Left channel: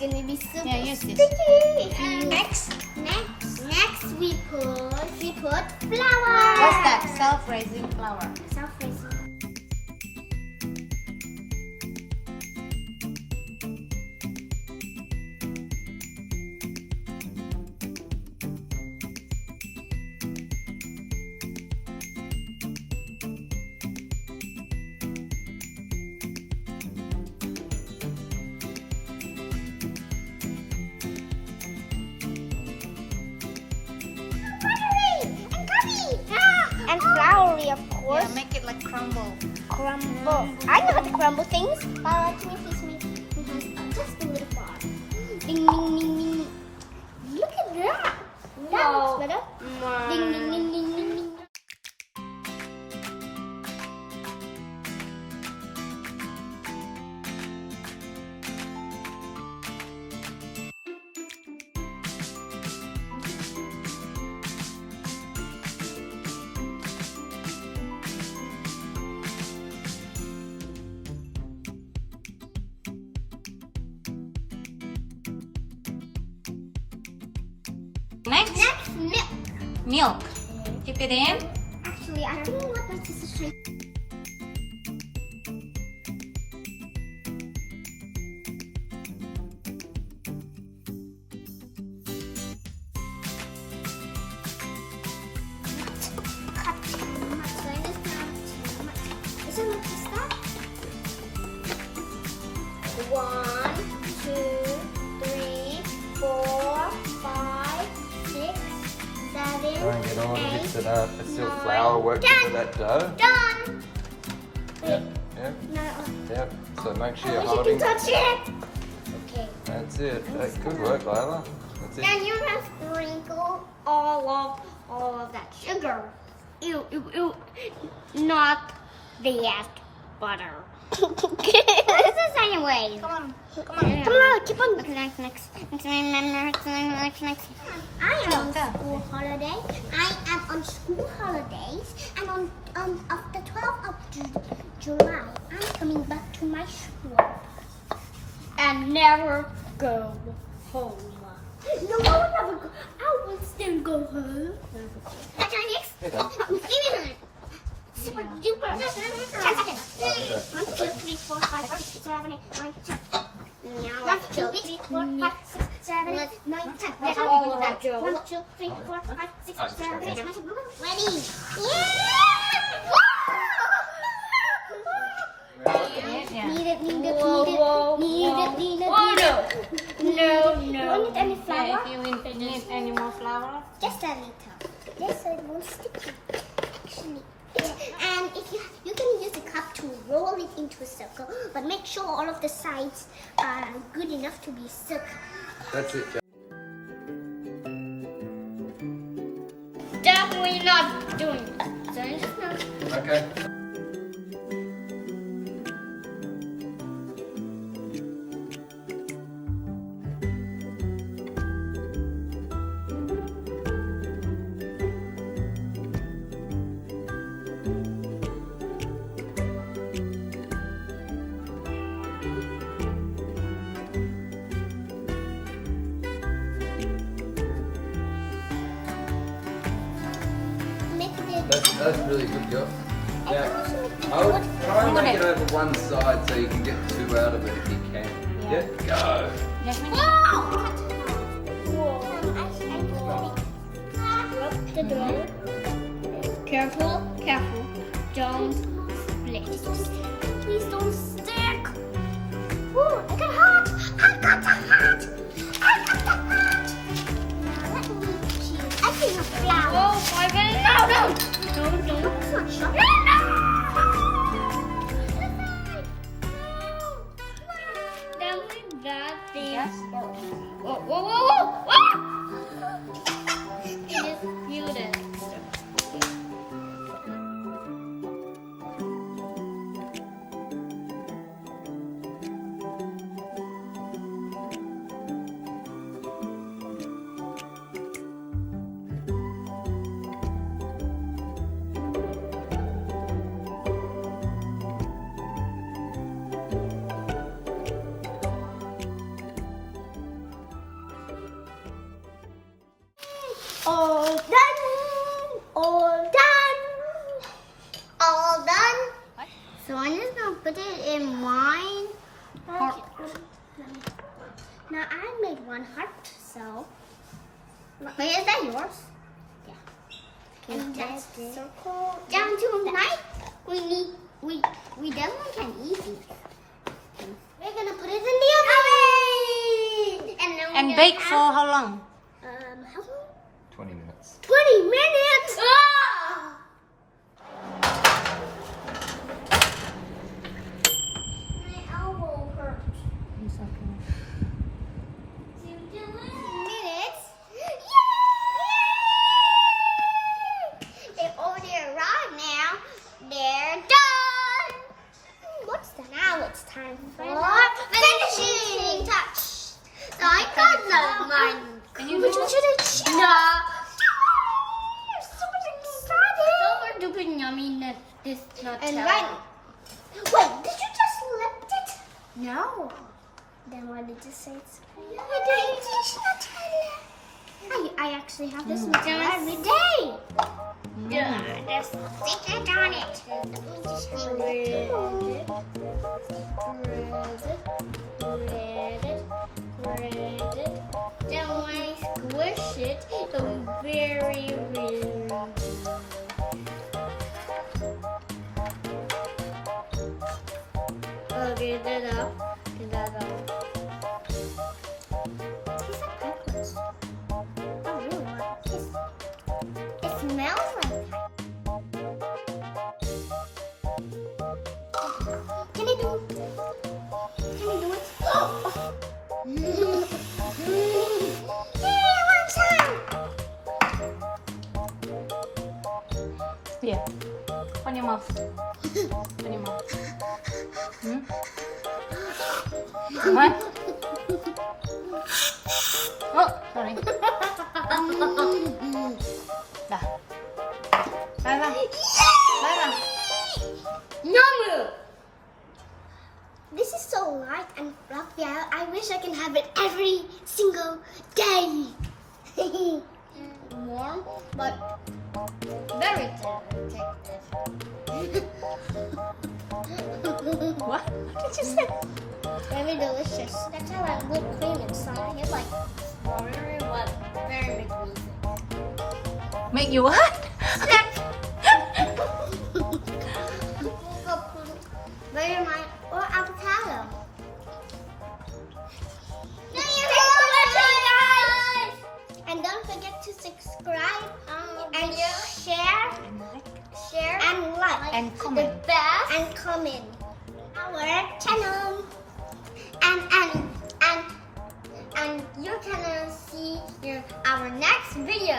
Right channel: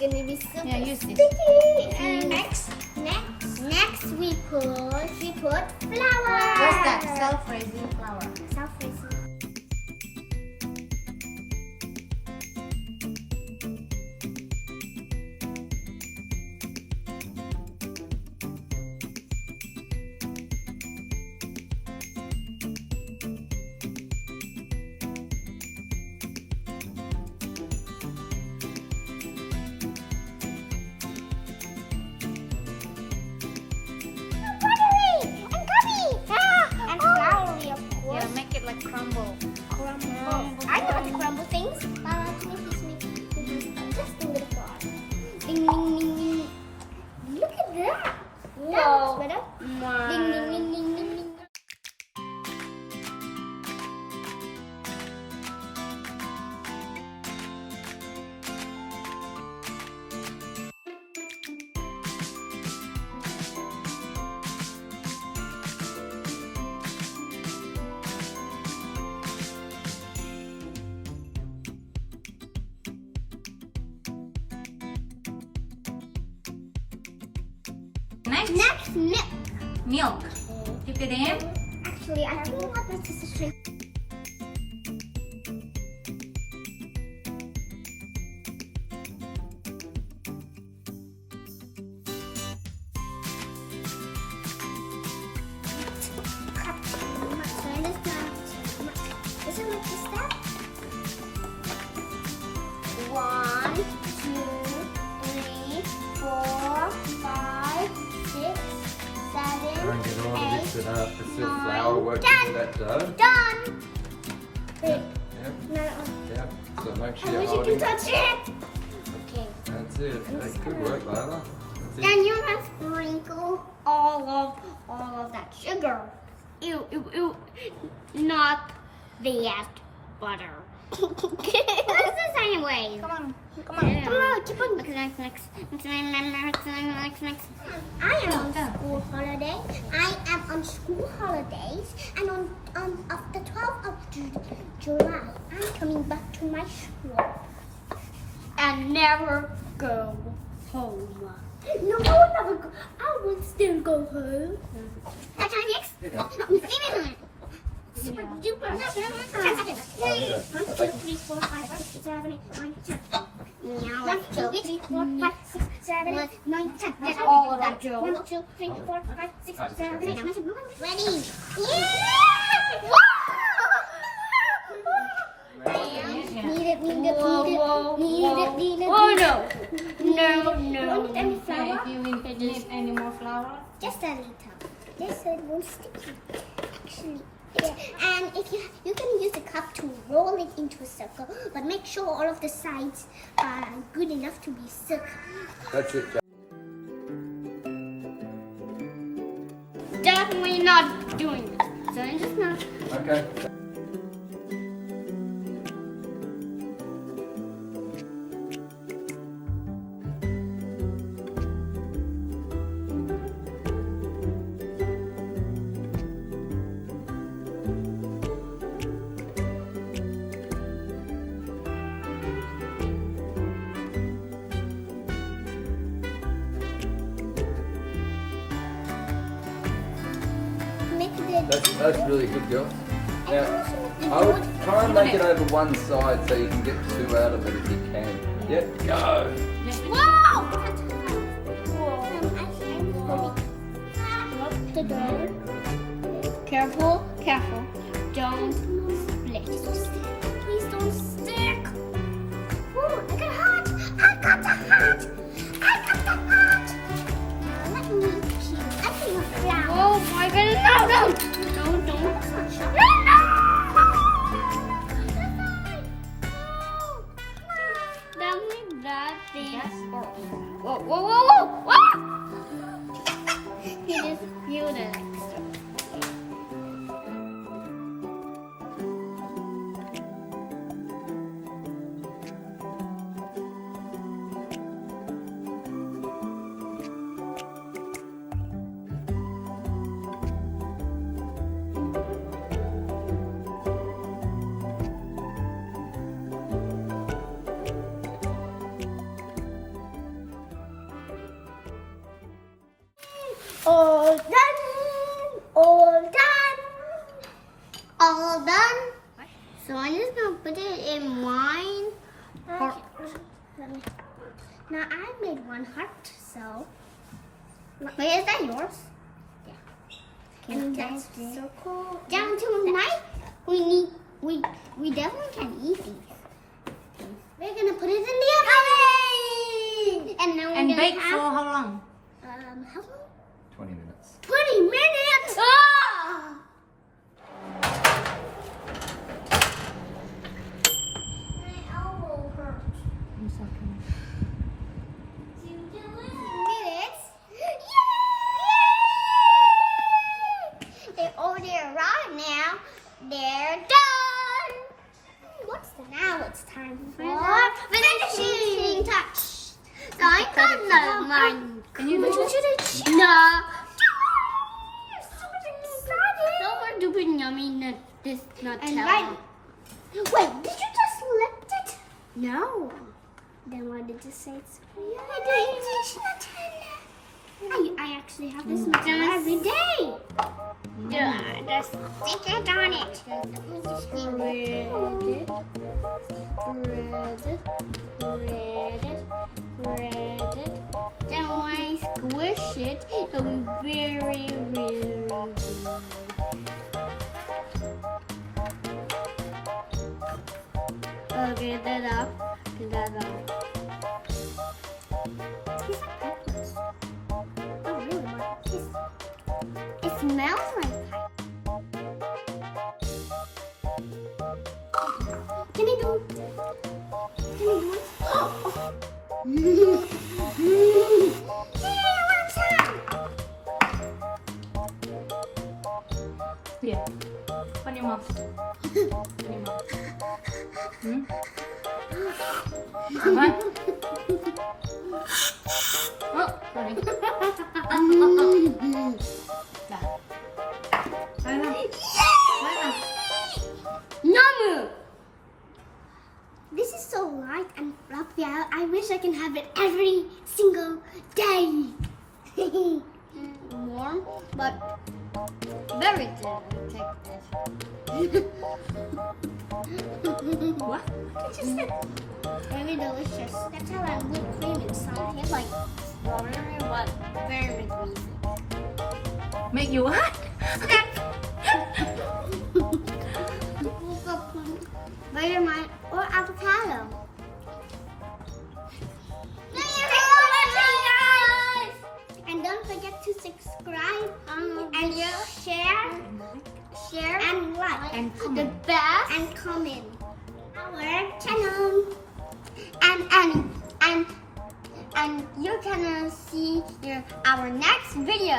gonna be super Yeah, use this. sticky. And next we put flour. What's that? Self-raising flour. Self-raising. And floury, of course. Yeah, make it like crumble. Crumble. I know how to crumble things. Teach me. Just a little flour. Ding, ding, ding, ding. Look at that. That looks better. Ding, ding, ding, ding, ding, ding. Next, milk. Milk. Dip it in. Actually, I think what this is straight. One, two, three, four, five, six, seven, Don't get all eight, used to that. It's your nine, flour working done. that dough. Done. Wait, Yep, no, yep. So make sure I you're wish I holding. could touch it. Okay. That's it. That's good work, Lyla. That's it. And you're gonna sprinkle all of that sugar. Ew, ew, ew. Not that butter. This is anyway. Come on. Come on, keep on. Next. I am on school holiday. I am on school holidays, and on the 12th of July, I'm coming back to my school and never go home. No, I will never go. I will still go home. That's our next. Super duper. 10 seconds. 1, 2, 3, 4, 5, 6, 7, 8, 9, 10. Now 1, 2, 3, 4, 5, 6, 7, 8, 9, 10. That's all of that, Joe. 1, 2, 3, 4, 5, 6, 7, 8, 9, 10. Ready? Yeah! Need it. Oh no! No. Want any flour? Do you need any more flour? Just a little. Just a little sticky. Actually. Yeah. And if you can use a cup to roll it into a circle, but make sure all of the sides are good enough to be circle. That's it, Jack. Definitely not doing it. So I'm just not. Okay. Make it. That's really good, girl. I Yeah. also make it I would good. try and make it over one side so you can get two out of it if you can. Yeah. Yep, go. Careful. Don't split. Please don't stick. Ooh, I got hot. I got the hot. Now let me cheese. I think it's flour. Oh my goodness. No. Don't. It's not sharp. Don't make that thing. Yes. Whoa. You just peeled it. All done. All done. All done. What? So I'm just gonna put it in mine. Heart. Now I made one heart, so. Wait, is that yours? Yeah. And that's circle down to a knife. We definitely can eat these. We're gonna put it in the oven. And now And bake for how long? how long? 20 minutes. 20 minutes. Ah! My elbow hurts. It's okay. Minutes. Yay! They already arrived now. They're done. What's the now? It's time for finishing touch. So I got mine. Can you do it? No. Super duper yummy. This nut. And right. Wait, did you just lift it? No. Then why did you say it's I actually have this Nutella every day. Yeah, there's stickers on it. Spread it. Then when I squish it, it'll be very, very good. Okay, that up. Get that up. Oh, really? It smells like pie. Can I do it? Can I do it? Yeah, one time. Here. On your mouth. On your mouth. Hmm? What? Oh, sorry. Dah. Layla. Namu! This is so light and fluffy. I wish I can have it every single day. Warm, but very addictive. What? What did you say? Very delicious. That's how I whipped cream inside. It's like watery, but very greasy. Make you what? Vegemite or avocado. And don't forget to subscribe and share and like And the comment. best and comment our channel and you can see our next video.